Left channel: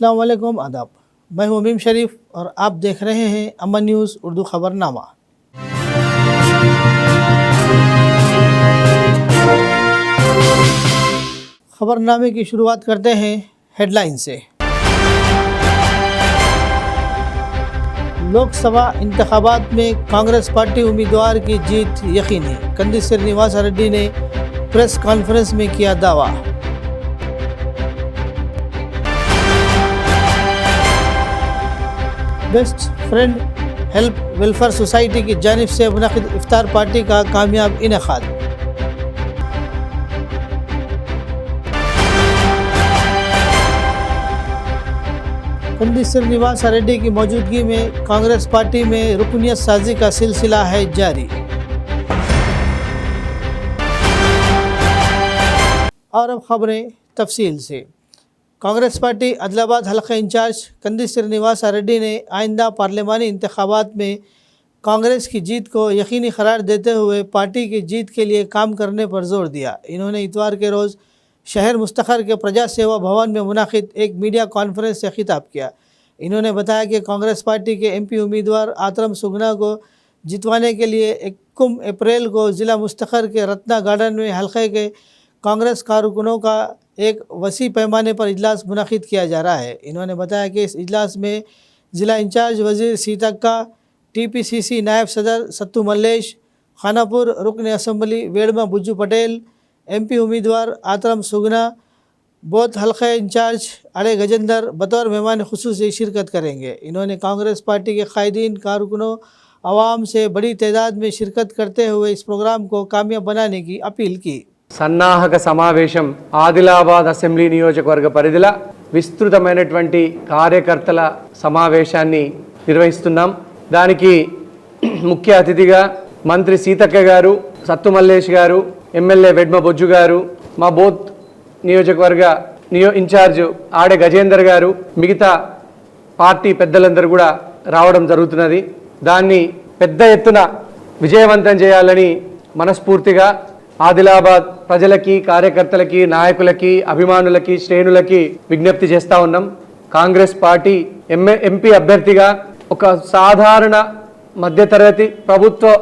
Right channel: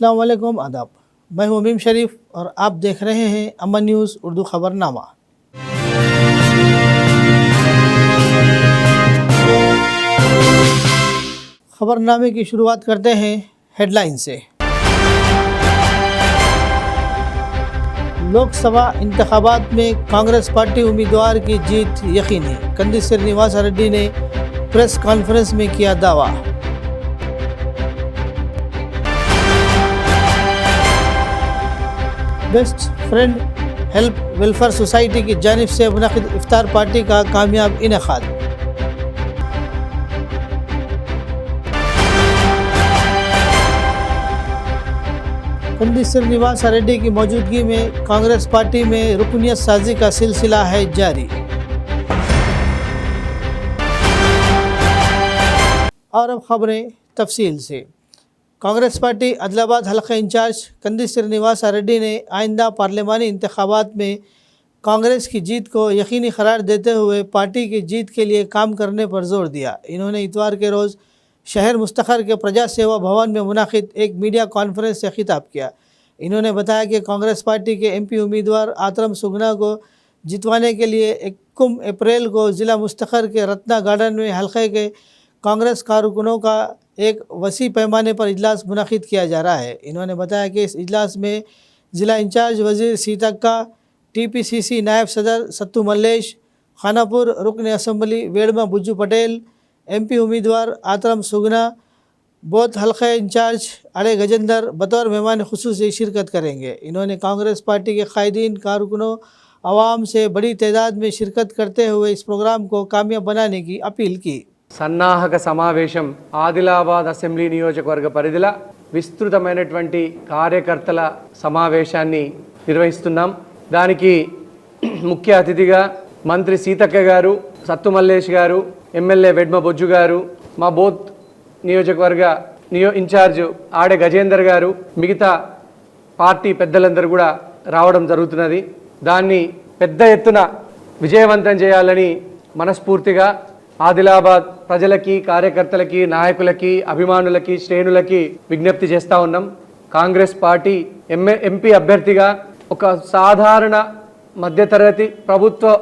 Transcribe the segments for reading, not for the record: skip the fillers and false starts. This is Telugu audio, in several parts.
अस्सलाम वालेकुम आदाब। मैं हूं अमीम शरीफ और आप देख रहे हैं अमन न्यूज़ उर्दू खबरनामा। खबरनामे की शुरुआत करते हैं हेडलाइन से। लोकसभा इंतखाबात में कांग्रेस पार्टी उम्मीदवार की जीत यकीनी, कंदी श्रीनिवास रेड्डी ने प्रेस कॉन्फ्रेंस में किया दावा। Best friend help welfare society की जानिब से मुनक़िद इफ्तार पार्टी का कामयाब इनेकाद। कंदी श्रीनिवास रेड्डी की मौजूदगी में कांग्रेस पार्टी में रुकनियत साजी का सिलसिला है जारी। और अब खबरें तफसील से। कांग्रेस पार्टी आदिलाबाद हल्का इंचार्ज कंदी श्रीनिवास रेड्डी ने आइंदा पार्लिमानी इंतखाबात में कांग्रेस की जीत को यकीनी करार देते हुए पार्टी की जीत के लिए काम करने पर जोर दिया। इन्होंने इतवार के रोज़ शहर मुस्तखर के प्रजा सेवा भवन में मुनाकिद एक मीडिया कॉन्फ्रेंस से खिताब किया। इन्होंने बताया कि कांग्रेस पार्टी के एमपी उम्मीदवार आतरम सुगना को जितवाने के लिए 21 अप्रैल को ज़िला मुस्तखर के रत्ना गार्डन में हल्के के कांग्रेस कारकुनों का एक वसी पैमाने पर इजलास मुनाकिद किया जा रहा है। इन्होंने बताया कि इस इजलास में ज़िला इंचार्ज वज़ीर सीतक्का, टीपीसीसी नायब सदर सत्तू मल्लेश, खानापुर रुकन असम्बली वेड़मा बुज्जू पटेल, एमपी उम्मीदवार आतरम सुगना, बोथ हल्के इंचार्ज अड़े गजेंद्र बतौर मेहमान खुसूसी शिरकत करेंगे। इन्होंने कांग्रेस पार्टी के कायदीन, कारकुनों, आवाम से बड़ी तादाद में शिरकत करते हुए इस प्रोग्राम को कामयाब बनाने की अपील की। సన్నాహక సమావేశం ఆదిలాబాద్ అసెంబ్లీ నియోజకవర్గ పరిధిల విస్తృతమైనటువంటి కార్యకర్తల సమావేశాన్ని నిర్వహిస్తున్నాం. దానికి ముఖ్య అతిథిగా మంత్రి సీతక్క గారు, సత్తు మల్లేష్ గారు, ఎమ్మెల్యే వెడ్మ బొజ్జు గారు, మా బోత్ నియోజకవర్గ ఇన్ఛార్జ్ ఆడే గజేందర్ గారు, మిగతా పార్టీ పెద్దలందరూ కూడా రావడం జరుగుతున్నది. దాన్ని పెద్ద ఎత్తున విజయవంతం చేయాలని మనస్ఫూర్తిగా ఆదిలాబాద్ ప్రజలకి, కార్యకర్తలకి, నాయకులకి, అభిమానులకి, శ్రేణులకి విజ్ఞప్తి చేస్తూ ఉన్నాం. కాంగ్రెస్ పార్టీ ఎంపీ అభ్యర్థిగా ఒక సాధారణ మధ్యతరగతి ప్రభుత్వ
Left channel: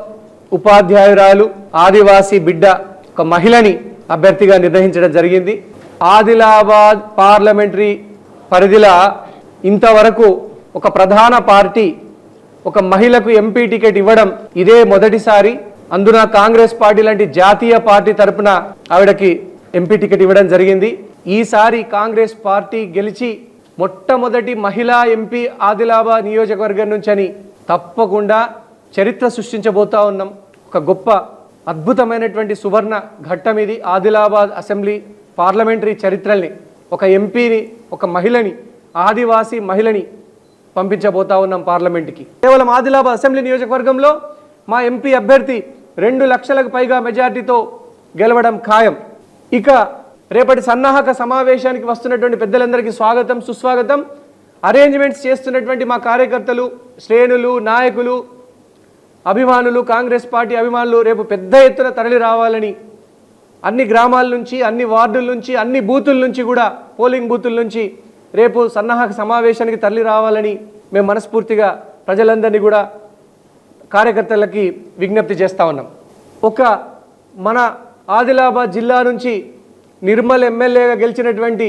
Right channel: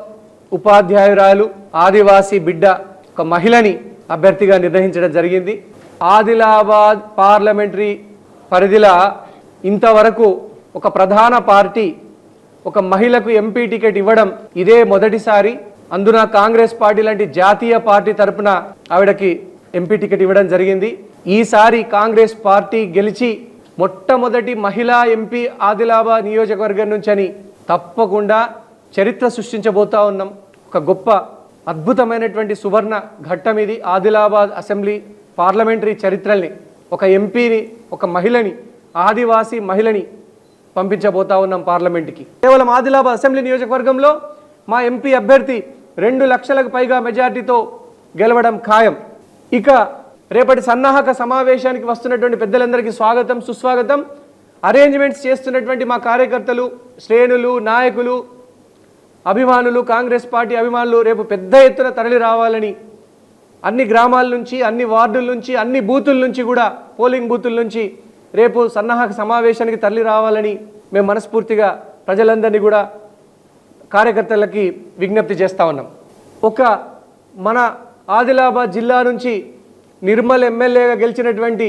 ఉపాధ్యాయురాలు, ఆదివాసీ బిడ్డ, ఒక మహిళని అభ్యర్థిగా నిర్ణయించడం జరిగింది. ఆదిలాబాద్ పార్లమెంటరీ పరిధిలో ఇంతవరకు ఒక ప్రధాన పార్టీ ఒక మహిళకు ఎంపీ టికెట్ ఇవ్వడం ఇదే మొదటిసారి. అందున కాంగ్రెస్ పార్టీ లాంటి జాతీయ పార్టీ తరపున ఆవిడకి ఎంపీ టికెట్ ఇవ్వడం జరిగింది. ఈసారి కాంగ్రెస్ పార్టీ గెలిచి మొట్టమొదటి మహిళా ఎంపీ ఆదిలాబాద్ నియోజకవర్గం నుంచి అని తప్పకుండా చరిత్ర సృష్టించబోతా ఉన్నాం. ఒక గొప్ప అద్భుతమైనటువంటి సువర్ణ ఘట్టం ఇది. ఆదిలాబాద్ అసెంబ్లీ పార్లమెంటరీ చరిత్రల్ని, ఒక ఎంపీని, ఒక మహిళని, ఆదివాసీ మహిళని పంపించబోతా ఉన్నాం పార్లమెంట్కి. కేవలం ఆదిలాబాద్ అసెంబ్లీ నియోజకవర్గంలో మా ఎంపీ అభ్యర్థి 2 లక్షలకు పైగా మెజార్టీతో గెలవడం ఖాయం. ఇక రేపటి సన్నాహక సమావేశానికి వస్తున్నటువంటి పెద్దలందరికీ స్వాగతం, సుస్వాగతం. అరేంజ్మెంట్స్ చేస్తున్నటువంటి మా కార్యకర్తలు, శ్రేణులు, నాయకులు, అభిమానులు, కాంగ్రెస్ పార్టీ అభిమానులు రేపు పెద్ద ఎత్తున తరలి రావాలని, అన్ని గ్రామాల నుంచి, అన్ని వార్డుల నుంచి, అన్ని బూతుల నుంచి కూడా, పోలింగ్ బూతుల నుంచి రేపు సన్నాహక సమావేశానికి తరలి రావాలని మేము మనస్ఫూర్తిగా ప్రజలందరినీ కూడా, కార్యకర్తలకి విజ్ఞప్తి చేస్తూ ఉన్నాం. ఒక మన ఆదిలాబాద్ జిల్లా నుంచి నిర్మల్ ఎమ్మెల్యేగా గెలిచినటువంటి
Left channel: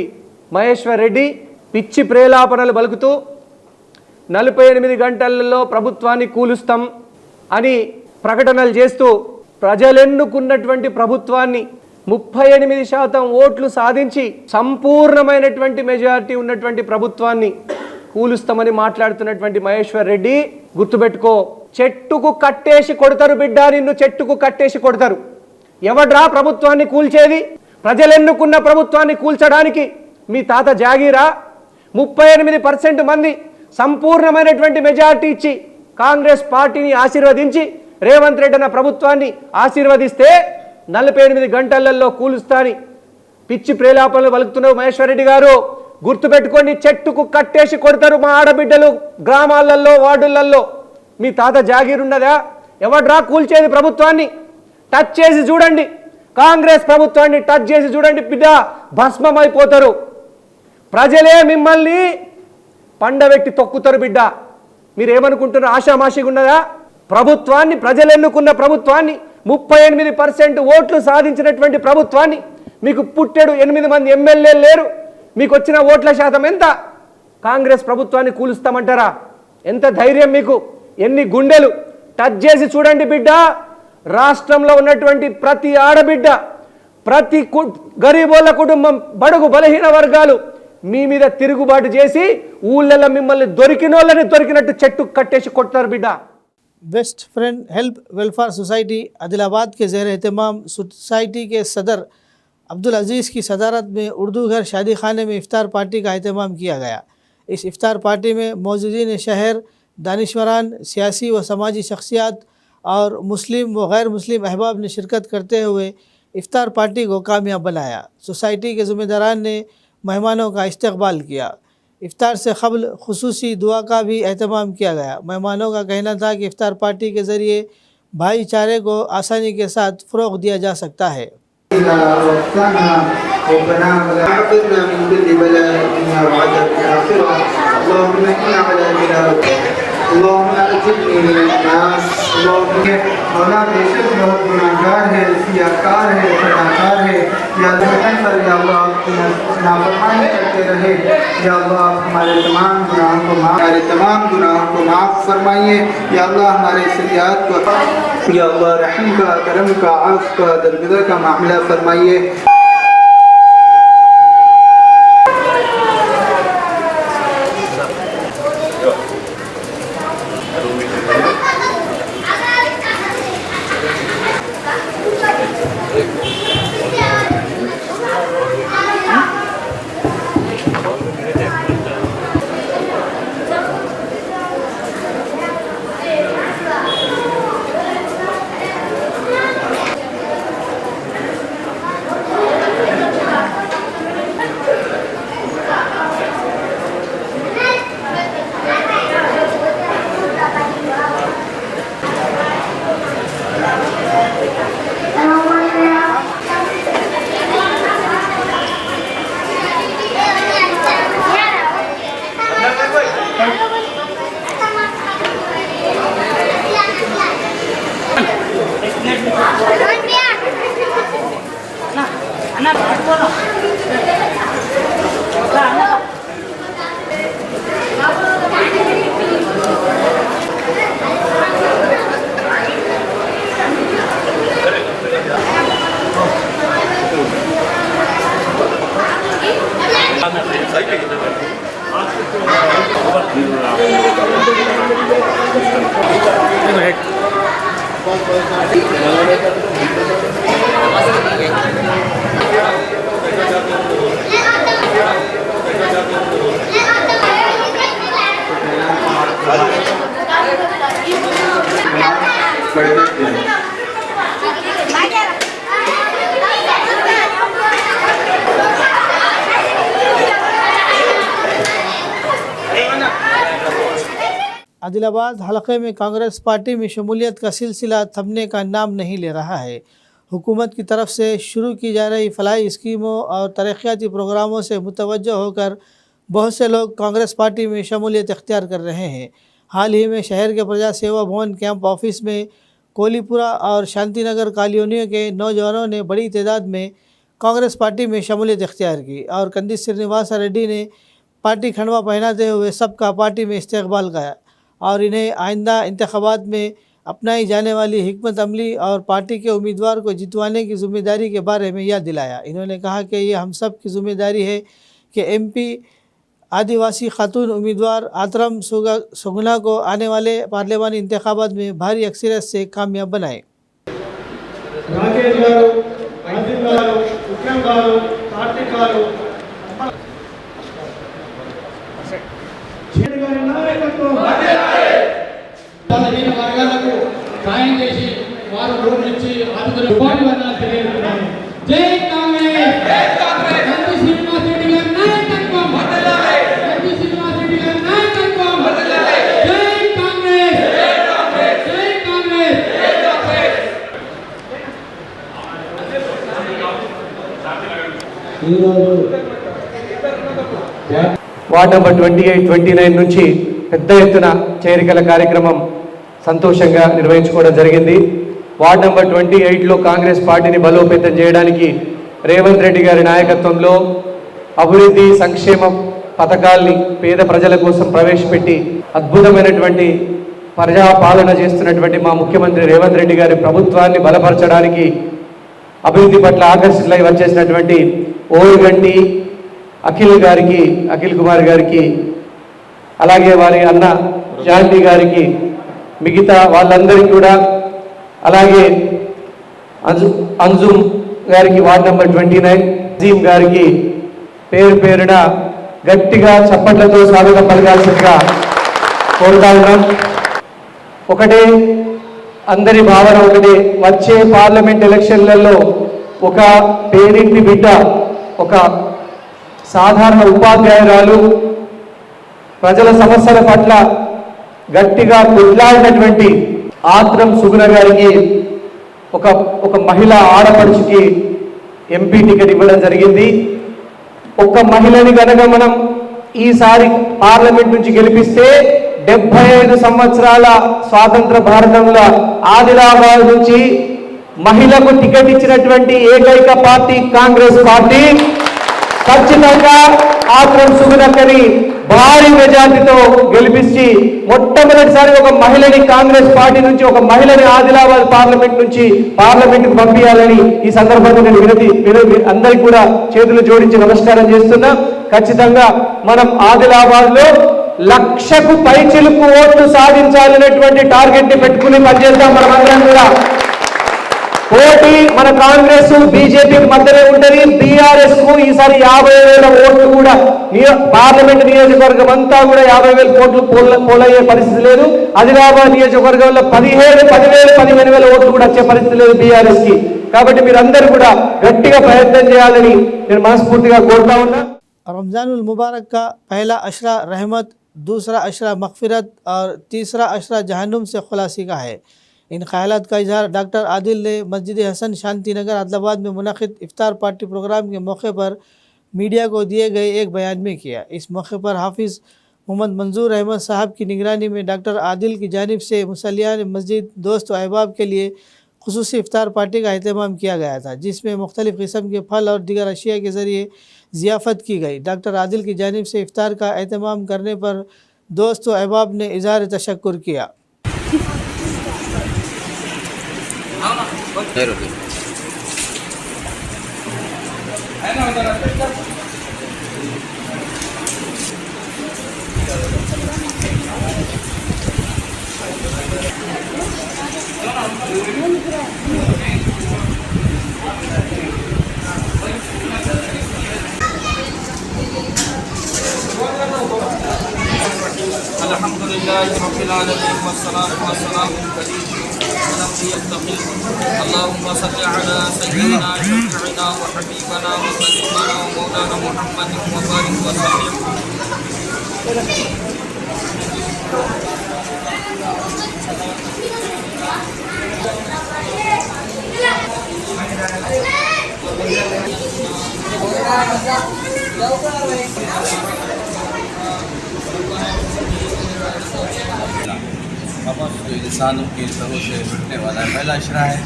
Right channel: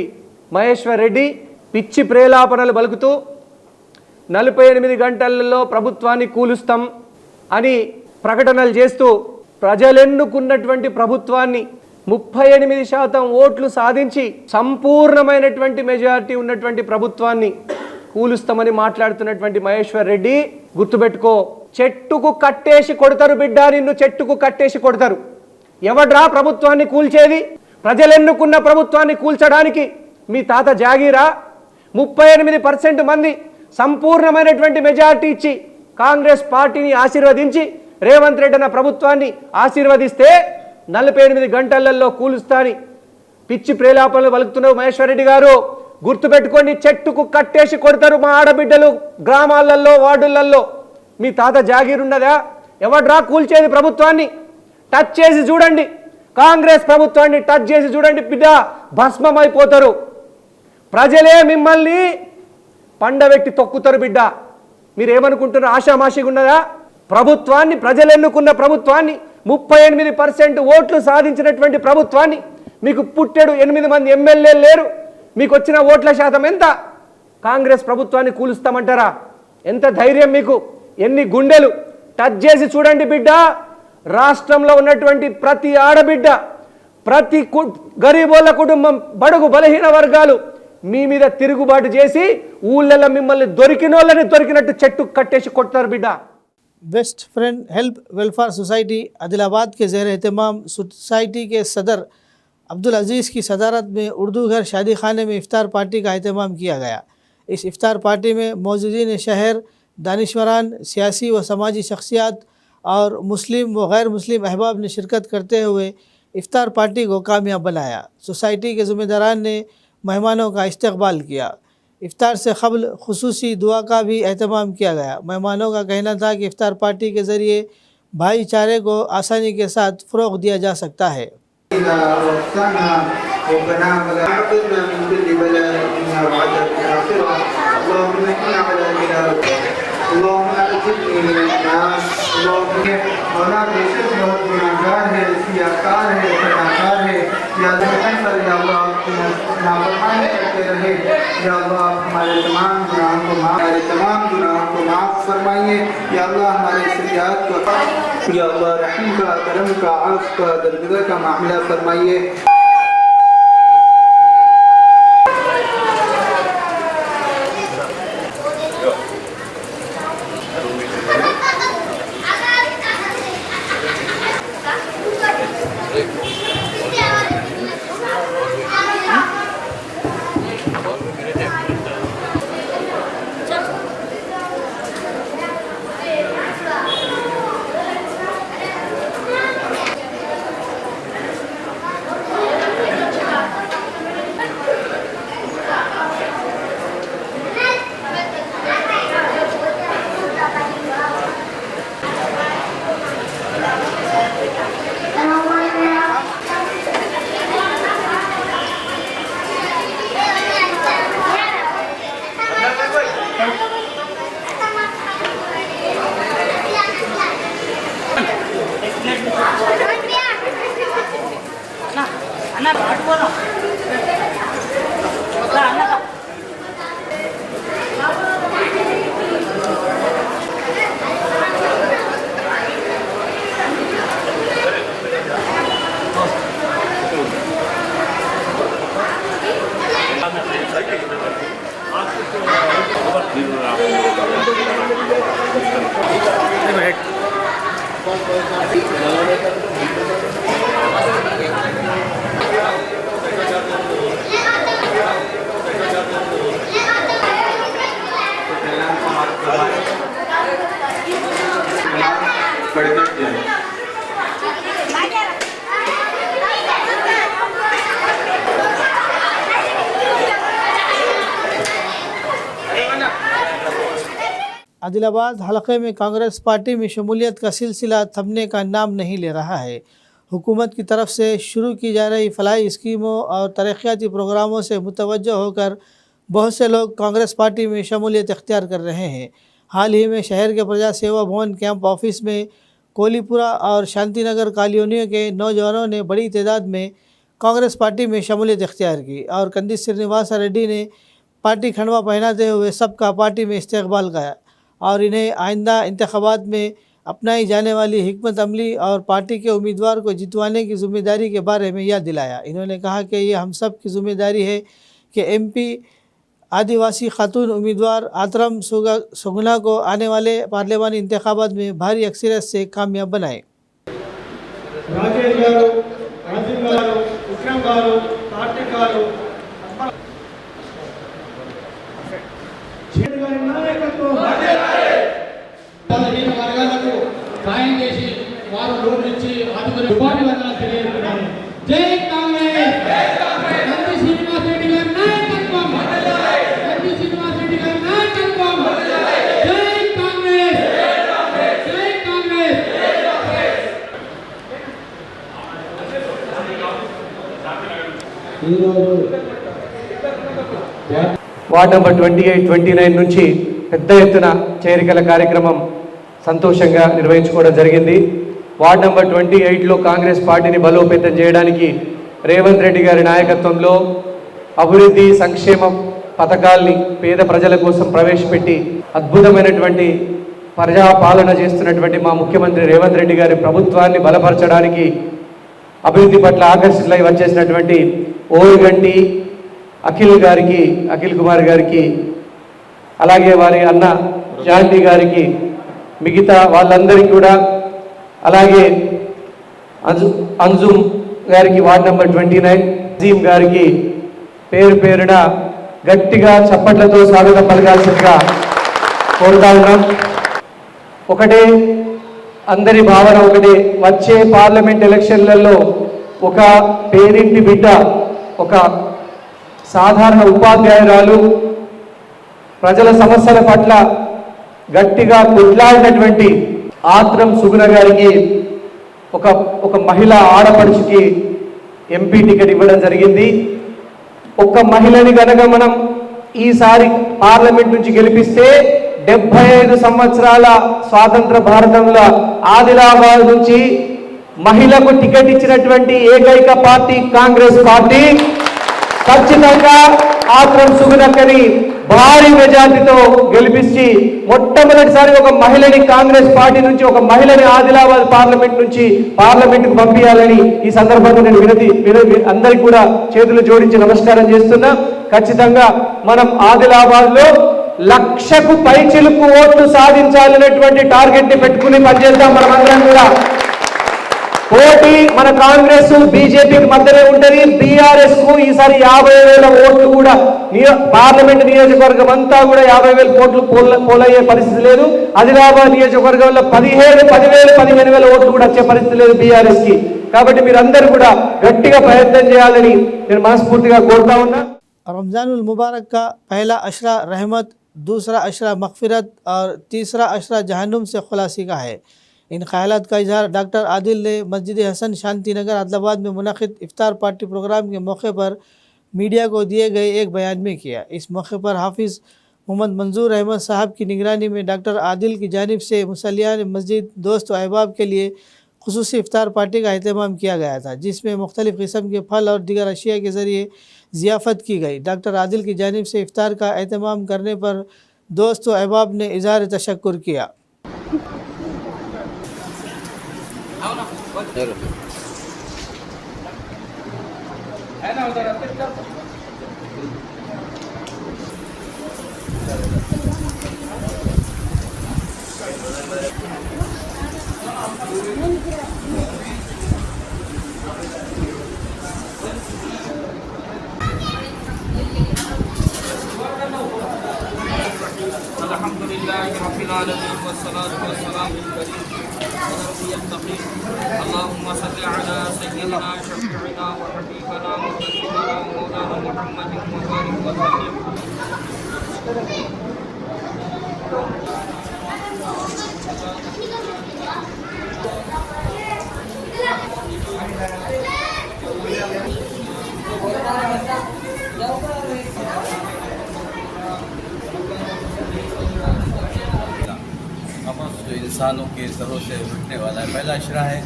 మహేశ్వర్ రెడ్డి పిచ్చి ప్రేలాపనలు పలుకుతూ 48 గంటలలో ప్రభుత్వాన్ని కూలుస్తాం అని ప్రకటనలు చేస్తూ ప్రజలెన్నుకున్నటువంటి ప్రభుత్వాన్ని 38% ఓట్లు సాధించి సంపూర్ణమైనటువంటి మెజారిటీ ఉన్నటువంటి ప్రభుత్వాన్ని కూలుస్తామని మాట్లాడుతున్నటువంటి మహేశ్వర్ రెడ్డి, గుర్తుపెట్టుకో, చెట్టుకు కట్టేసి కొడతారు బిడ్డ, నిన్ను చెట్టుకు కట్టేసి కొడతారు. ఎవడ్రా ప్రభుత్వాన్ని కూల్చేది? ప్రజలెన్నుకున్న ప్రభుత్వాన్ని కూల్చడానికి మీ తాత జాగీరా? 38% మంది సంపూర్ణమైనటువంటి మెజారిటీ ఇచ్చి కాంగ్రెస్ పార్టీని ఆశీర్వదించి రేవంత్ రెడ్డి అన్న ప్రభుత్వాన్ని ఆశీర్వదిస్తే 48 గంటలలో కూలుస్తాని పిచ్చి ప్రేలాపనలు పలుకుతున్నావు మహేశ్వర్ రెడ్డి గారు. గుర్తుపెట్టుకోండి, చెట్టుకు కట్టేసి కొడతారు మా ఆడబిడ్డలు గ్రామాలలో, వార్డులలో. మీ తాత జాగీర్ ఉన్నదా? ఎవడ్రా కూల్చేది ప్రభుత్వాన్ని? టచ్ చేసి చూడండి, కాంగ్రెస్ ప్రభుత్వాన్ని టచ్ చేసి చూడండి బిడ్డ, భస్మమైపోతారు. ప్రజలే మిమ్మల్ని పండబెట్టి తొక్కుతారు బిడ్డ. మీరేమనుకుంటున్నారు? ఆషామాషిగా ఉన్నదా? ప్రభుత్వాన్ని, ప్రజలు ఎన్నుకున్న ప్రభుత్వాన్ని, 38% ఓట్లు సాధించినటువంటి ప్రభుత్వాన్ని, మీకు పుట్టెడు 8 మంది ఎమ్మెల్యేలు లేరు, మీకు వచ్చిన ఓట్ల శాతం ఎంత? కాంగ్రెస్ ప్రభుత్వాన్ని కూలుస్తామంటారా? ఎంత ధైర్యం మీకు? ఎన్ని గుండెలు? టచ్ చేసి చూడండి బిడ్డ. రాష్ట్రంలో ఉన్నటువంటి ప్రతి ఆడబిడ్డ, ప్రతి గరీబోళ్ళ కుటుంబం, బడుగు బలహీన వర్గాలు మీ మీద తిరుగుబాటు చేసి ఊళ్ళల్లో మిమ్మల్ని దొరికినోళ్ళని దొరికినట్టు చెట్టు కట్టేసి కొడతారు బిడ్డ. Best friend help welfare society Adilabad के ज़ेर एहतमाम सोसाइटी के सदर अब्दुल अज़ीज़ की सदारत में उर्दू घर शादी खाने में इफ्तार पार्टी का एहतमाम किया गया। इस इफ्तार पार्टी में मौजूदीन शहर, दानिशवरान, सियासी व समाजी शख्सियात और मुस्लिम व गैर मुस्लिम अहबाब ने शिरकत करते हुए इफ्तार पार्टी को कामयाब बनाया। सोसाइटी के ज़िम्मेदारान ने मेहमानों का इस्तकबाल किया। इफ्तार से क़ब्ल खुसूसी दुआ का भी एहतमाम किया गया। मेहमानों का कहना था कि इफ्तार पार्टी के ज़रिए भाईचारे को आसानी के साथ फ़रोग़ दिया जा सकता है। मौला बेशक बहुत गुनाहगार है, सियाकार है, सदाकार है। या अल्लाह नाफरमानी करते रहे। या अल्लाह हमारे तमाम गुनाहों को माफ़ फरमाइए। या अल्लाह हमारे सरियात को, या अल्लाह रहम का, करम का, आफ़ का, दरगुजर का मामला फरमाइए। आदिलाबाद हलक़े में कांग्रेस पार्टी में शमूलियत का सिलसिला थमने का नाम नहीं ले रहा है। हुकूमत की तरफ से शुरू की जा रही फलाही स्कीमों और तरक्याती प्रोग्रामों से मुतवज्जह होकर बहुत से लोग कांग्रेस पार्टी में शमूलियत इख्तियार कर रहे हैं। हाल ही में शहर के प्रजा सेवा भवन कैंप ऑफिस में कोलीपुरा और शांति नगर कॉलोनियों के नौजवानों ने बड़ी तादाद में कांग्रेस पार्टी में शमूलियत इख्तियार की और कंदी श्रीनिवास रेड्डी ने पार्टी खंडवा पहनाते हुए सबका पार्टी में इस्तकबाल किया और इन्हें आइंदा इंतखाबात में अपनाई जाने वाली हिकमत अमली और पार्टी के उम्मीदवार को जितवाने की ज़िम्मेदारी के बारे में याद दिलाया। इन्होंने कहा कि ये हम सब की ज़िम्मेदारी है कि MP आदिवासी खातून उम्मीदवार आतरम सुगना को आने वाले पार्लियामानी इंतखाबात में भारी अक्सरियत से कामयाब बनाएँ। బలహీన వర్గాలకు సాయం చేసి వారు లోన్ ఇచ్చి ఆదుకునే ఉపాధి వర్గాలు తెలియజేస్తున్నాను. జై కాంగ్రెస్, జై కాంగ్రెస్. నంది శ్రీనివాస్ రెడ్డి గారి నాయకత్వం వర్ధిల్లాలి. నంది శ్రీనివాస్ రెడ్డి గారి నాయకత్వం వర్ధిల్లాలి. జై కాంగ్రెస్, జై కాంగ్రెస్, జై కాంగ్రెస్, జై కాంగ్రెస్. ఈరోజు వార్డ్ నెంబర్ 28, 29 నుంచి పెద్ద ఎత్తున చేరికల కార్యక్రమం సంతోషంగా నిర్వహించుకోవడం జరిగింది. వార్డ్ నెంబర్ 28లో కాంగ్రెస్ పార్టీని బలోపేతం చేయడానికి రేవంత్ రెడ్డి గారి నాయకత్వంలో అభివృద్ధి సంక్షేమ పథకాల్ని పేద ప్రజల కోసం ప్రవేశపెట్టి అద్భుతమైనటువంటి ప్రజాపాలన చేస్తున్నటువంటి మా ముఖ్యమంత్రి రేవంత్ రెడ్డి గారి ప్రభుత్వాన్ని బలపరచడానికి అభివృద్ధి పట్ల ఆకర్షితులై వచ్చేసినటువంటి ఓరుగంటి అఖిల్ కుమార్ గారికి, అలాగే వారి అన్న జాంటీ గారికి, మిగతా వాళ్ళందరికీ కూడా, అలాగే అంజుమ్ గారికి వార్డ్ నెంబర్ 29, అజీం గారికి పేరు పేరున గట్టిగా చప్పట్లతో స్వాగతం పలకాల్సిందిగా కోరుతా ఉన్నాం. ఒకటే అందరి భావన ఒకటే, వచ్చే పార్లమెంట్ ఎలక్షన్లలో ఒక పేరింటి బిడ్డ, ఒక సాధారణ ఉపాధ్యాయురాలు ప్రజల సమస్యల పట్ల గట్టిగా కొట్లాడినటువంటి ఆత్రం సుగుణ గారికి ఒక మహిళ ఆడపడుచుకి ఎంపీ టికెట్ ఇవ్వడం జరిగింది. ఒక్క మహిళని కనుక మనం ఈసారి పార్లమెంట్ నుంచి గెలిపిస్తే 75 సంవత్సరాల స్వాతంత్ర భారతంలో ఆదిలాబాద్ నుంచి మహిళకు టికెట్ ఇచ్చినటువంటి ఏకైక పార్టీ కాంగ్రెస్ పార్టీ. ఖచ్చితంగా ఆత్రం సుగుణక్కని భారీ మెజార్టీతో గెలిపించి మొట్టమొదటిసారి ఒక మహిళని కాంగ్రెస్ పార్టీ నుంచి ఒక మహిళని ఆదిలాబాద్ పార్లమెంట్ నుంచి పార్లమెంట్కు పంపించాలని ఈ సందర్భంగా నేను అందరికీ కూడా చేతులు జోడించి నమస్కారం చేస్తున్నా. ఖచ్చితంగా మనం ఆదిలాబాద్లో 1,00,000కు పైచిలుకు ఓట్లు సాధించాలనేటువంటి టార్గెట్ ని పెట్టుకుని పనిచేద్దాం. మనమందరం కూడా పోటీ మన కాంగ్రెస్ బీజేపీకి మధ్యనే ఉంటుంది. బీఆర్ఎస్ కు ఈసారి 50,000 ఓట్లు కూడా పార్లమెంట్ నియోజకవర్గం అంతా కూడా 50,000 ఓట్లు పోలయ్యే పరిస్థితి లేదు. ఆదిలాబాద్ నియోజకవర్గంలో 15,000 ఓట్లు కూడా వచ్చే పరిస్థితి లేదు బీఆర్ఎస్ కి. కాబట్టి మీరందరూ కూడా గట్టిగా ప్రయత్నం చేయాలని నేను మనస్ఫూర్తిగా కోరుతా ఉన్నా. रमज़ानुल मुबारक का पहला अशरा रहमत, दूसरा अशरा मग़फ़िरत और तीसरा अशरा जहन्नुम से खुलासी का है। इन ख़यालात का इजहार डॉक्टर आदिल ने मस्जिद हसन शांति नगर आदिलाबाद में मुनक़िद इफ्तार पार्टी प्रोग्राम के मौके पर मीडिया को दिए गए एक बयान में किया। इस मौके पर हाफिज़ मोहम्मद मंजूर अहमद साहब की निगरानी में डॉक्टर आदिल की जानिब से मुसल्लियान मस्जिद दोस्त व अहबाब के लिए खुसूसी इफ्तार पार्टी का अहतमाम किया गया था, जिसमें मुख्तलिफ़ किस्म के फल और दीगर अशिया के ज़रिए ज़ियाफ़त की गई। डॉक्टर आदिल की जानिब से इफ्तार का अहतमाम करने पर दोस्त व अहबाब ने इज़हार तशक्कुर किया। اللهم صل على سيدنا شفيعنا وحبيبنا وسيدنا ومولانا محمد وبارك وسلم. इंसानों के सरों से बढ़ने वाला है। पहला अशरा है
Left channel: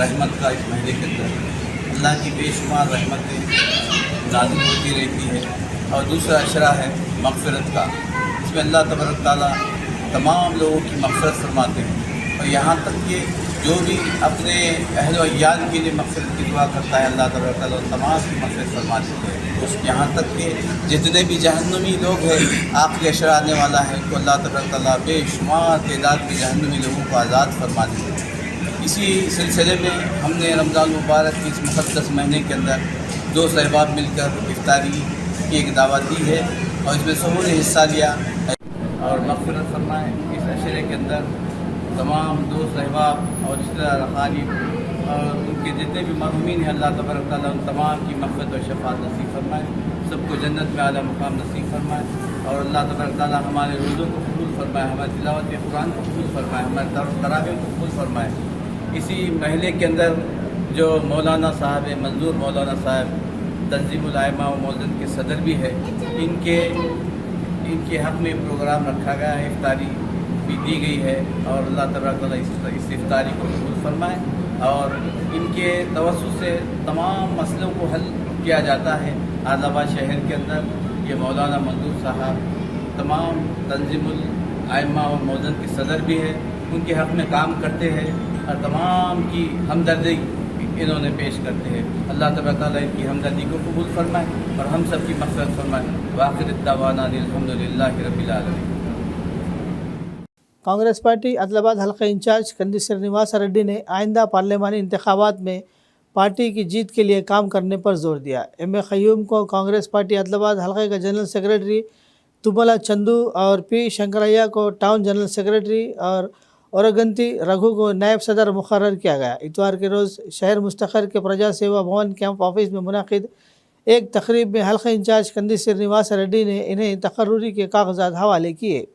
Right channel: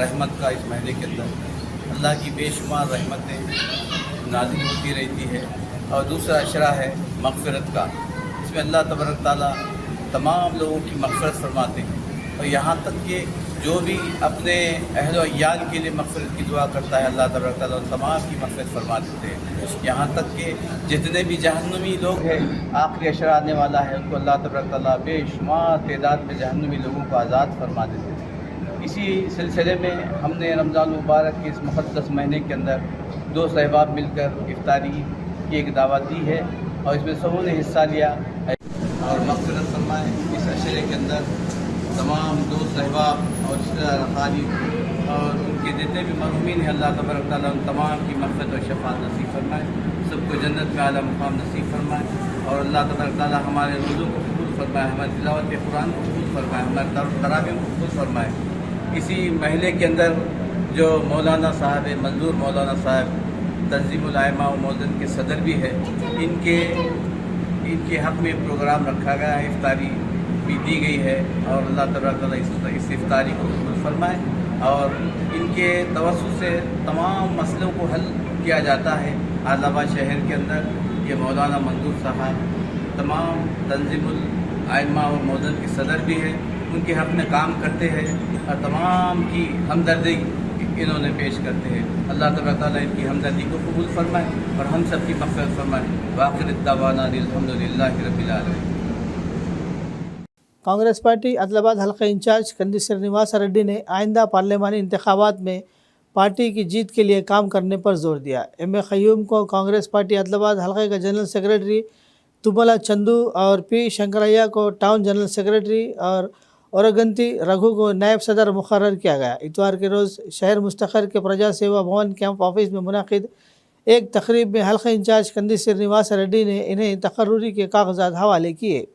रहमत का। इस महीने के अंदर अल्लाह की बेशुमार रहमतें नाज़िल होती रहती है। और दूसरा अशरा है मग़फ़िरत का। इसमें अल्लाह तबारक तआला तमाम लोगों की मग़फ़िरत फरमाते हैं। और यहाँ तक कि जो भी अपने अहल व इयाल के लिए मग़फ़िरत की दुआ करता है अल्लाह तबारक तआला तमाम की मग़फ़िरत फरमा देते हैं। यहाँ तक कि जितने भी जहन्नमी लोग हैं आखिरी अशरा आने वाला है उनको अल्लाह तबारक तआला बेशुमार तादाद में जहन्नमी लोगों को आज़ाद फरमा देते हैं। इसी सिलसिले में हमने रमज़ान मुबारक के इस मुक़द्दस महीने के अंदर दोस्त अहबाब मिलकर इफ्तारी की एक दावत दी है और इसमें सबों ने हिस्सा लिया और मग़फ़िरत फरमाए। इस अशरे के अंदर तमाम दोस्त अहबाब और रिश्तेदार अक़ारीब और उनके जितने भी मरहूमीन हैं अल्लाह तबारक तआला उन तमाम की मग़फ़िरत और शफ़ाअत नसीब फरमाए। सबको जन्नत में आला मुक़ाम नसीब फरमाए और अल्लाह तबारक तआला हमारे रोज़ों को कबूल फरमाए, हमारे तिलावत कुरान को कबूल फरमाए, हमारे तरावीह को कबूल फरमाए। इसी महीने के अंदर जो मौलाना साहब है मंजूर मौलाना साहब तंज़ीमुल आइमा व मौज़िन के सदर भी है, इनके इनके हक़ में प्रोग्राम रखा गया है, इफ्तारी भी दी गई है और अल्लाह तबारक व तआला इस इफ्तारी को कबूल फरमाए और इनके तवस्सुत से तमाम मसलों को हल किया जाता है। आदिलाबाद शहर के अंदर ये मौलाना मंजूर साहब तमाम तंजीमुल आइम्मा और मौज़न के सदर भी है, उनके हक़ में काम करते हैं और तमाम की हमदर्दी इन्होंने पेश करते हैं। अल्लाह तबारक व तआला इनकी हमदर्दी को कबूल फरमाए और हम सब की मग़फ़िरत फरमाए। वाखिर दावाना अल्हम्दुलिल्लाहि रब्बिल आलमीन। कांग्रेस पार्टी आदिलाबाद हल्का इंचार्ज कंदी श्रीनिवास रेड्डी ने आइंदा पार्लिमानी इंतखाबात में पार्टी की जीत के लिए काम करने पर जोर दिया। एम ए क़य्यूम को कांग्रेस पार्टी आदिलाबाद हल्के का जनरल सेक्रेटरी, तुमला चंदू और पी शंकरैया को टाउन जनरल सेक्रेटरी और औरगंती रघु को नायब सदर मुकर्रर किया गया। इतवार के रोज़ शहर मुस्तखर के प्रजा सेवा भवन कैंप ऑफिस में मुनाकिद एक तकरीब में हल्का इंचार्ज कंदी श्रीनिवास रेड्डी ने इन्हें तकर्रुरी के कागजात हवाले किए।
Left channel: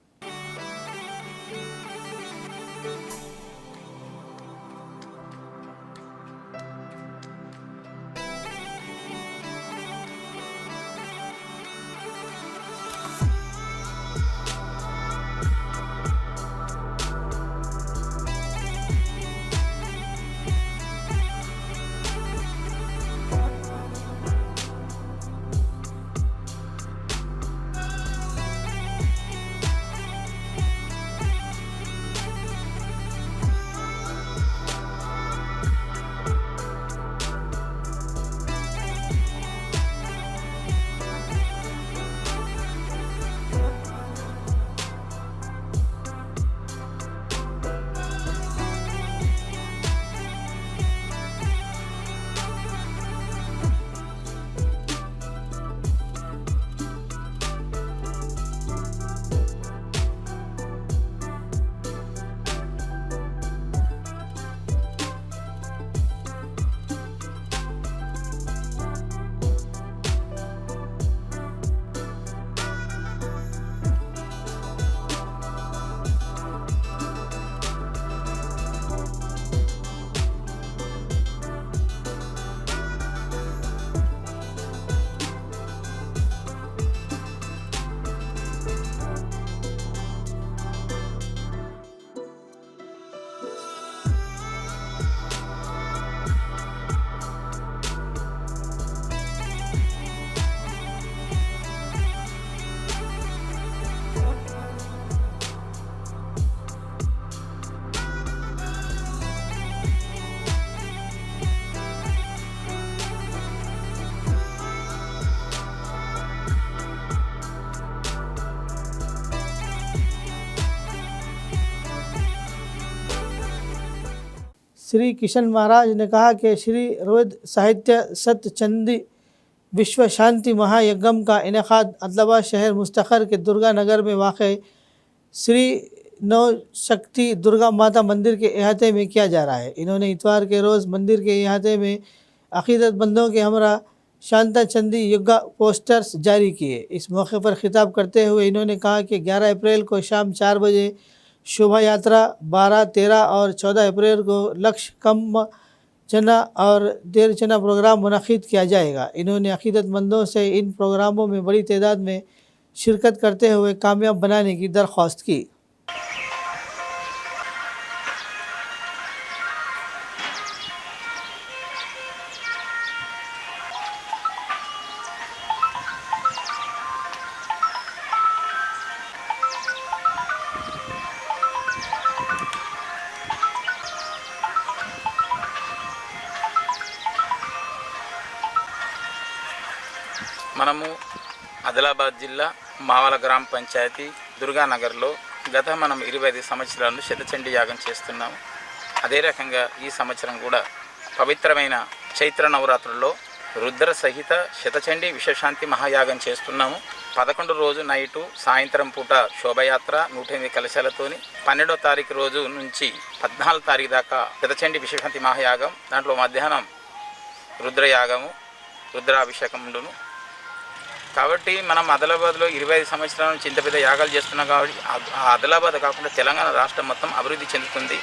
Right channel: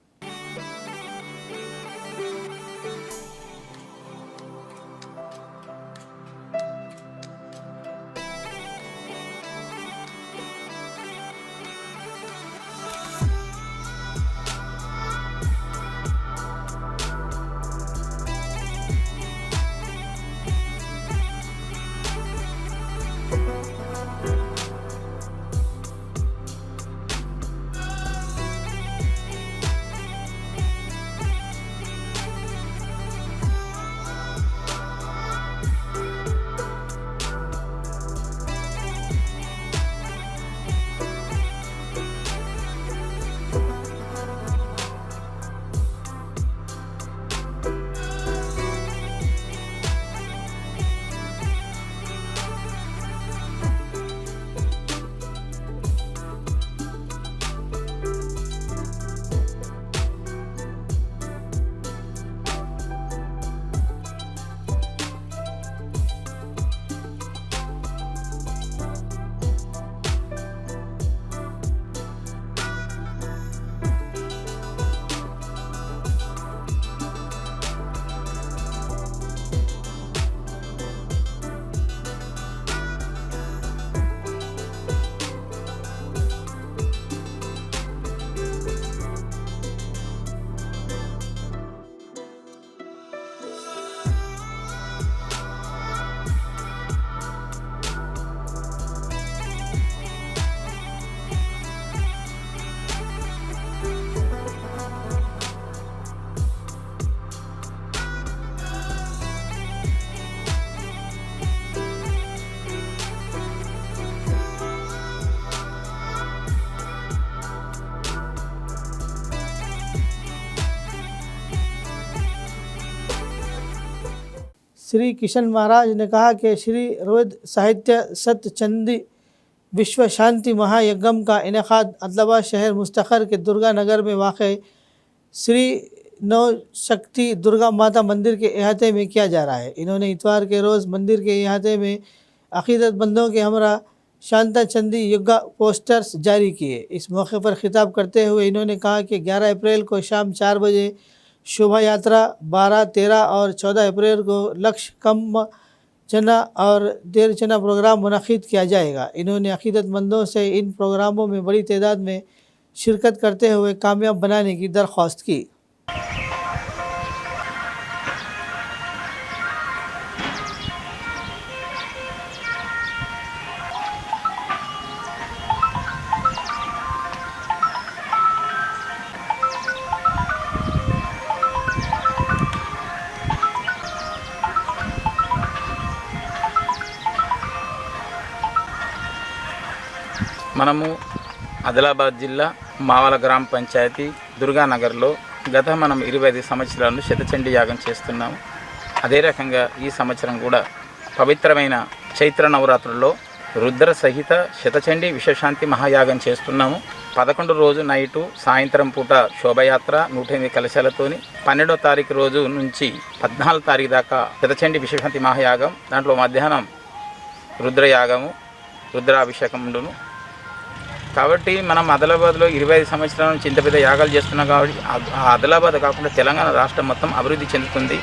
श्री किशन महाराज ने कहा कि श्री रोहित साहित्य सत्य चंदी विश्व शांति महायज्ञम का इनेकाद आदिलाबाद शहर मुस्तखर के दुर्गा नगर में वाक़ श्री नवशक्ति दुर्गा माता मंदिर के अहाते में किया जा रहा है। इन्होंने इतवार के रोज़ मंदिर के अहाते में अक़ीदतमंदों के हमरा शांता चंदी युगा पोस्टर्स जारी किए। इस मौके पर खिताब करते हुए इन्होंने कहा कि 11 अप्रैल को शाम 4 बजे शोभा यात्रा, 12, 13 और 14 अप्रैल को लक्ष्य कम चना और देर चना प्रोग्राम मुनक़िद किया जाएगा। इन्होंने अक़ीदतमंदों से इन प्रोग्रामों में बड़ी तादाद में शिरकत करते हुए कामयाब बनाने की दरख्वास्त की। మనము ఆదిలాబాద్ జిల్లా మావల గ్రామ పంచాయతీ దుర్గానగర్లో గత మనం 25 సంవత్సరాలు శతచండీ యాగం చేస్తున్నాము. అదే రకంగా ఈ సంవత్సరం కూడా పవిత్రమైన చైత్ర నవరాత్రుల్లో రుద్ర సహిత శతచండీ విశ్వశాంతి మహాయాగం చేస్తున్నాము. 11 రోజు నైటు సాయంత్రం పూట శోభయాత్ర 108 కలశాలతోని 12వ తారీఖు రోజు నుంచి 14వ తారీఖు దాకా శతచండీ విశ్వశాంతి మహాయాగం, దాంట్లో మధ్యాహ్నం రుద్రయాగము, రుద్రాభిషేకం ఉండును. కాబట్టి మనం ఆదిలాబాద్లో 25 సంవత్సరాల నుంచి ఇంత పెద్ద యాగాలు చేస్తున్నాం. కాబట్టి ఆదిలాబాద్ కాకుండా తెలంగాణ రాష్ట్రం మొత్తం అభివృద్ధి చెందుతుంది.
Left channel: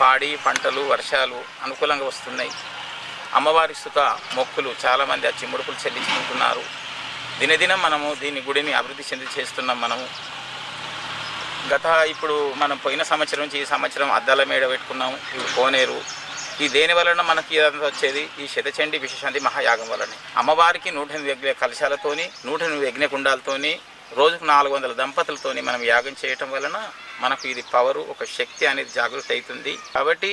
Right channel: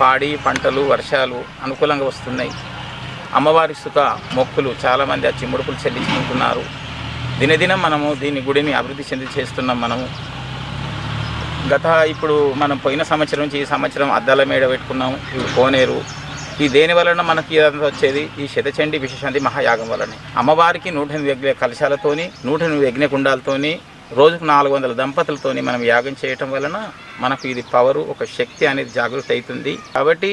పాడి పంటలు వర్షాలు అనుకూలంగా వస్తున్నాయి. అమ్మవారి సుఖ మొక్కులు చాలామంది వచ్చి ముడుపులు చెల్లించుకుంటున్నారు. దినదినం మనము దీని గుడిని అభివృద్ధి చెంది చేస్తున్నాం. మనము ఇప్పుడు మనం పోయిన సంవత్సరం నుంచి ఈ సంవత్సరం అద్దాల మేడ పెట్టుకున్నాము. ఇప్పుడు కోనేరు ఈ దేని వలన మనకి ఇదంతా వచ్చేది ఈ శతచండీ విశేషాంతి మహాయాగం వలన. అమ్మవారికి 108 యజ్ఞ కలశాలతోని 108 యజ్ఞకుండాలతోని రోజుకు 400 దంపతులతోని మనం యాగం చేయటం వలన మనకు ఇది పవరు ఒక శక్తి అనేది జాగృతి అవుతుంది. కాబట్టి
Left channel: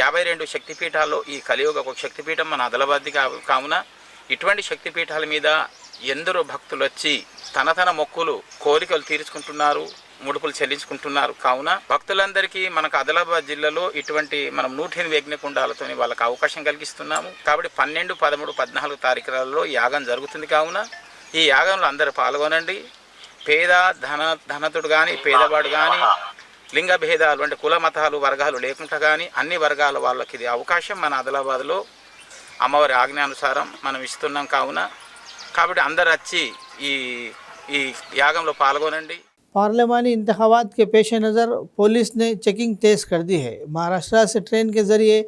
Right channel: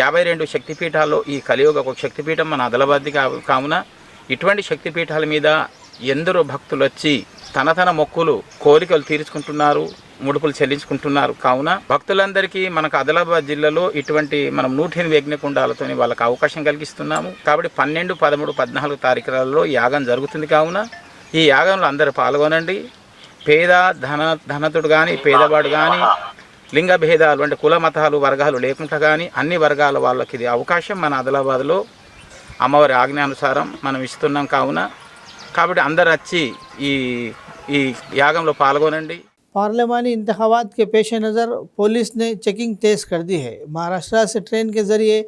52 శక్తిపీఠాల్లో ఈ కలియుగ ఒక శక్తిపీఠం మన ఆదిలాబాద్ది కావున ఇటువంటి శక్తిపీఠాల మీద ఎందరో భక్తులు వచ్చి తన మొక్కులు కోరికలు తీర్చుకుంటున్నారు, ముడుపులు చెల్లించుకుంటున్నారు. కావున భక్తులందరికీ మనకు ఆదిలాబాద్ జిల్లాలో ఇటువంటి మనం 108 యజ్ఞకుండాలతో వాళ్ళకి అవకాశం కలిగిస్తున్నాము. కాబట్టి 12, 13, 14 తారీఖులలో యాగం జరుగుతుంది. కావున ఈ యాగంలో అందరూ పాల్గొనండి. పేద ధనతుడు కానీ పేదవాడు కానీ లింగ భేదాలు అంటే కుల మతాలు వర్గాలు లేకుండా కానీ అన్ని వర్గాల వాళ్ళకి ఇది అవకాశం మన ఆదిలాబాద్లో అమ్మవారి ఆజ్ఞానుసారం మనం ఇస్తున్నాం. కాబట్టి అందరు వచ్చి ఈ యాగంలో పాల్గొనండి. पार्लिमानी इंतखाबात के पेश नज़र पुलिस ने चेकिंग तेज़ कर दी है। महाराष्ट्र से ट्रेन के ज़रिए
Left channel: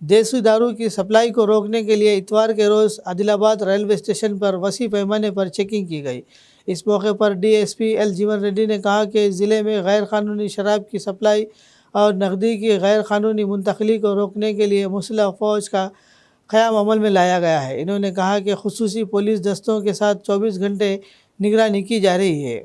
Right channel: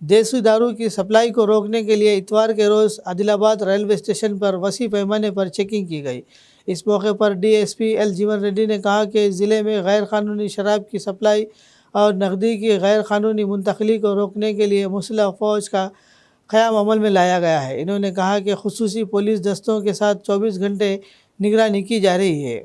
देसी दारू की सप्लाई को रोकने के लिए इतवार के रोज़ आदिलाबाद रेलवे स्टेशन पर वसी पैमाने पर चेकिंग की गई। इस मौके पर डीएसपी एल जीवन रेड्डी ने कहा कि ज़िले में गैर कानूनी शराब की सप्लाई और नकदी की गैर कानूनी मुंतकली को रोकने के लिए मुसल्ह फ़ौज का क़याम अमल में लाया गया है। इन्होंने कहा कि खुसूसी पुलिस दस्तों के साथ 24 घंटे निगरानी की जा रही है।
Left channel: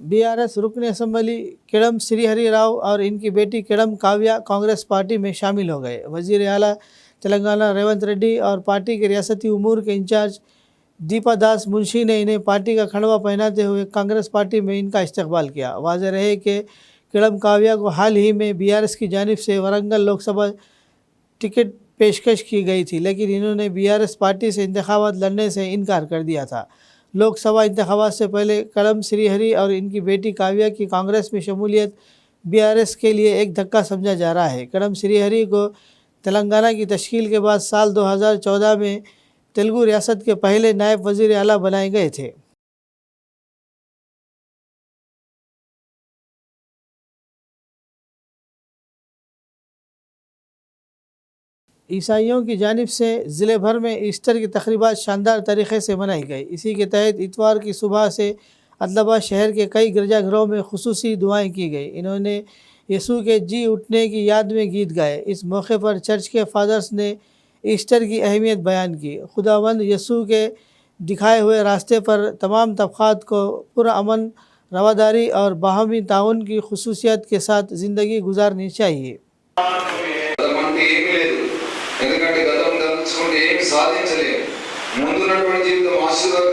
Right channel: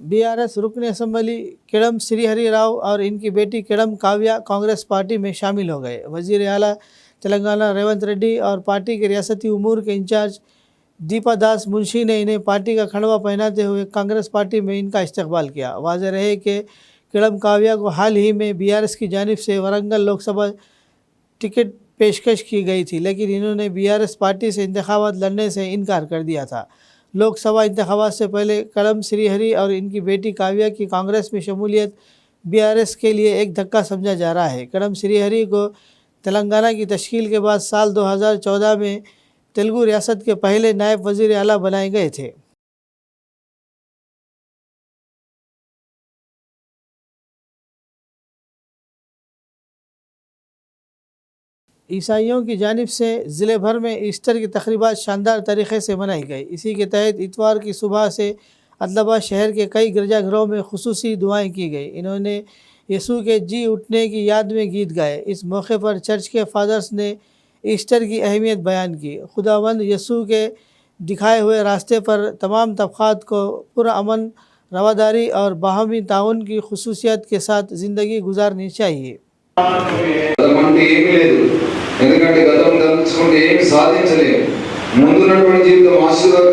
बीआरएस रुकन असम्बली किड़म श्रीहरि राव और इनकी बेटी किड़म काव्या कांग्रेस पार्टी में शामिल हो गए। वज़ीर आला तेलंगाना रेवंत रेड्डी और पार्टी के रियासती उमूर के इंचार्ज दीपा दास मुंशी ने इन्हें पार्टी का खड़वा पहनाते हुए कांग्रेस पार्टी में इनका इस्तकबाल किया। वाज़ेह रहे कि किड़म काव्या को हाल ही में बीआरएस की जानिब से वरंगल लोकसभा टिकट पेशकश की गई थी, लेकिन इन्होंने बीआरएस पार्टी से इंतखाबात लड़ने से इनकार कर दिया था। लोकसभा इंतखाबात से पहले किड़म श्रीहरि और इनकी बेटी काव्या की कांग्रेस में शमूलियत बीआरएस के लिए एक धक्का समझा जा रहा है। किड़म श्रीहरि को तेलंगाना की तश्कील के बाद साल 2014 में तेलुगु रियासत के पहले नायब वज़ीर आला बनाए गए थे। ईसाइयों की जानिब से ज़िले भर में ईस्टर की तक़रीबात शानदार तरीक़े से मनाई गई। इसी के तहत इतवार की सुबह से आदिलाबाद शहर के कई गिरजाघरों में खुसूसी दुआएं की गई। इन्होंने यीशु के जी उठने की याद में गीत गाए। इस मौके पर चर्च के फादर्स ने ईस्टर की अहमियत बयान की। खुदावंद यीशु के दिखाए हुए रास्ते पर तमाम तबक़ात को पुरअमन, रवादारी और बाहमी ताउन की खुसूसियत के साथ ज़िंदगी गुजारनी चाहिए। ఎందుకంటే గతం తలుచుకుంటే ఏమి సాధించలేము. ముందున్నటువంటి జీవితం ఆశీర్వాదం.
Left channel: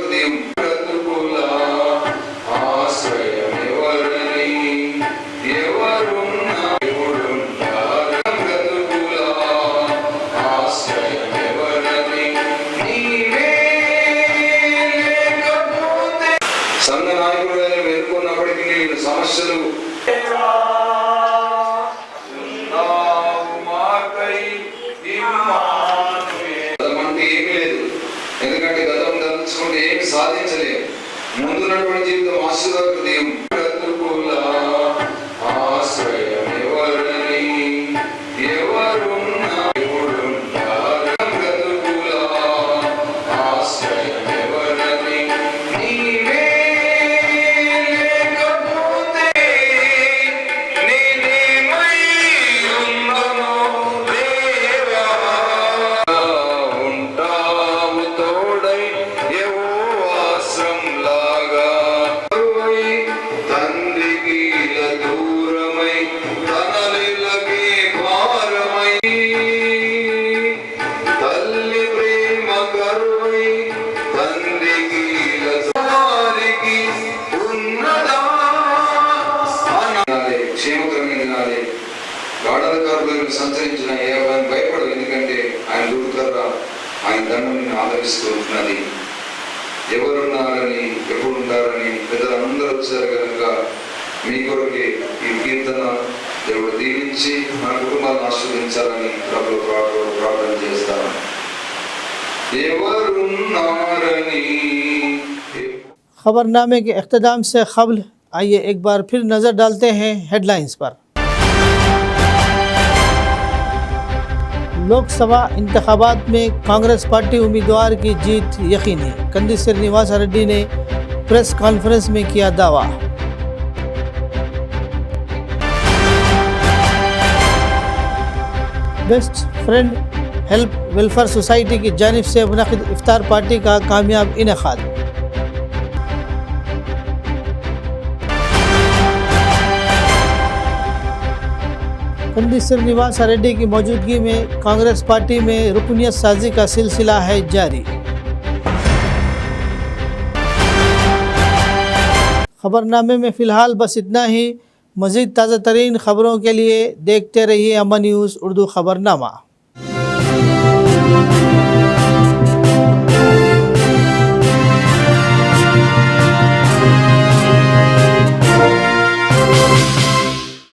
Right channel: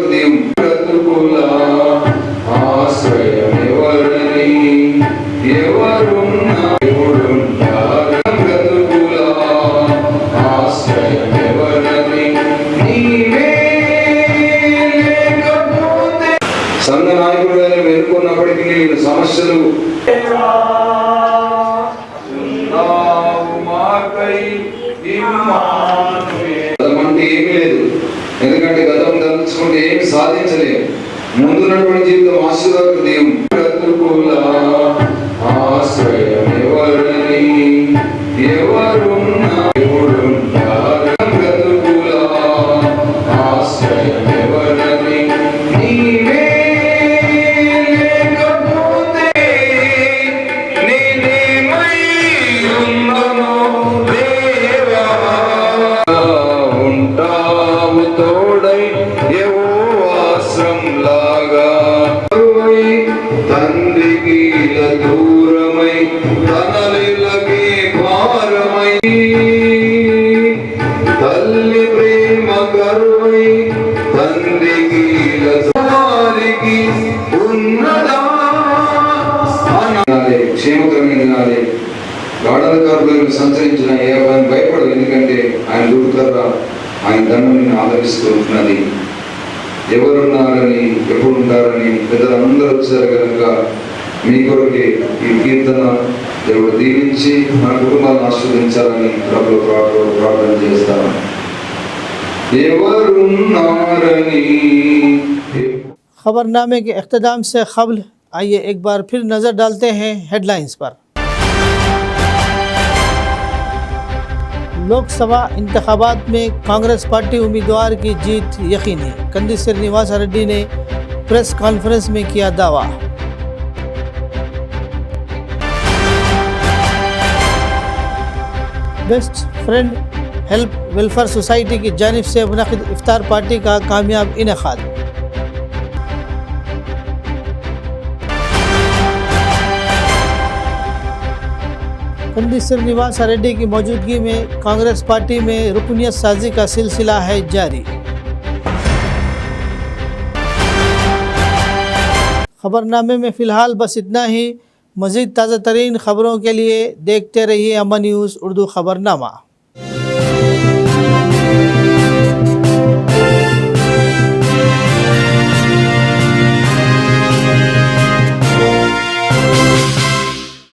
సంఘ నాయకుడు ఎన్నుకున్నప్పటికీ నేను సమస్యలు అంటే ఏమీ లేదు. ఎందుకంటే వినాలి. గాఢాధికారులను సంచరించిన ఏ అబ్బాయిని భయపడదు, ఎందుకంటే ఆయన దూకర్ర ఆయన దండం నిన్ను ఆదరిస్తూ ఉంటున్నది. ఎవరున్నారని ఎప్పుడు ఉంటారని పెద్దలందరూ వచ్చారు కనుక మీ కొరకే ఈ కీర్తన దేవుడు దీవించి మన కుటుంబాలను ఆశీర్వదించాలని ప్రభువు ప్రార్థన చేస్తాను. ఎవరున్నారని खबरनामे के इख्तिताम से क़ब्ल आइए एक बार फिर नज़र डालते हैं हेडलाइंस पर। लोकसभा इंतखाबात में कांग्रेस पार्टी उम्मीदवार की जीत यकीनी, कंदी श्रीनिवास रेड्डी ने प्रेस कॉन्फ्रेंस में किया दावा। Best friend help welfare society की जानिब से मुनक़िद इफ्तार पार्टी का कामयाब इनेकाद। कंदी श्रीनिवास रेड्डी की मौजूदगी में कांग्रेस पार्टी में रुकनियत साजी का सिलसिला है जारी। खबरनामे में फ़िलहाल बस इतना ही। मज़ीद ताज़ा तरीन ख़बरों के लिए देखते रहिए अमन न्यूज़ उर्दू खबरनामा।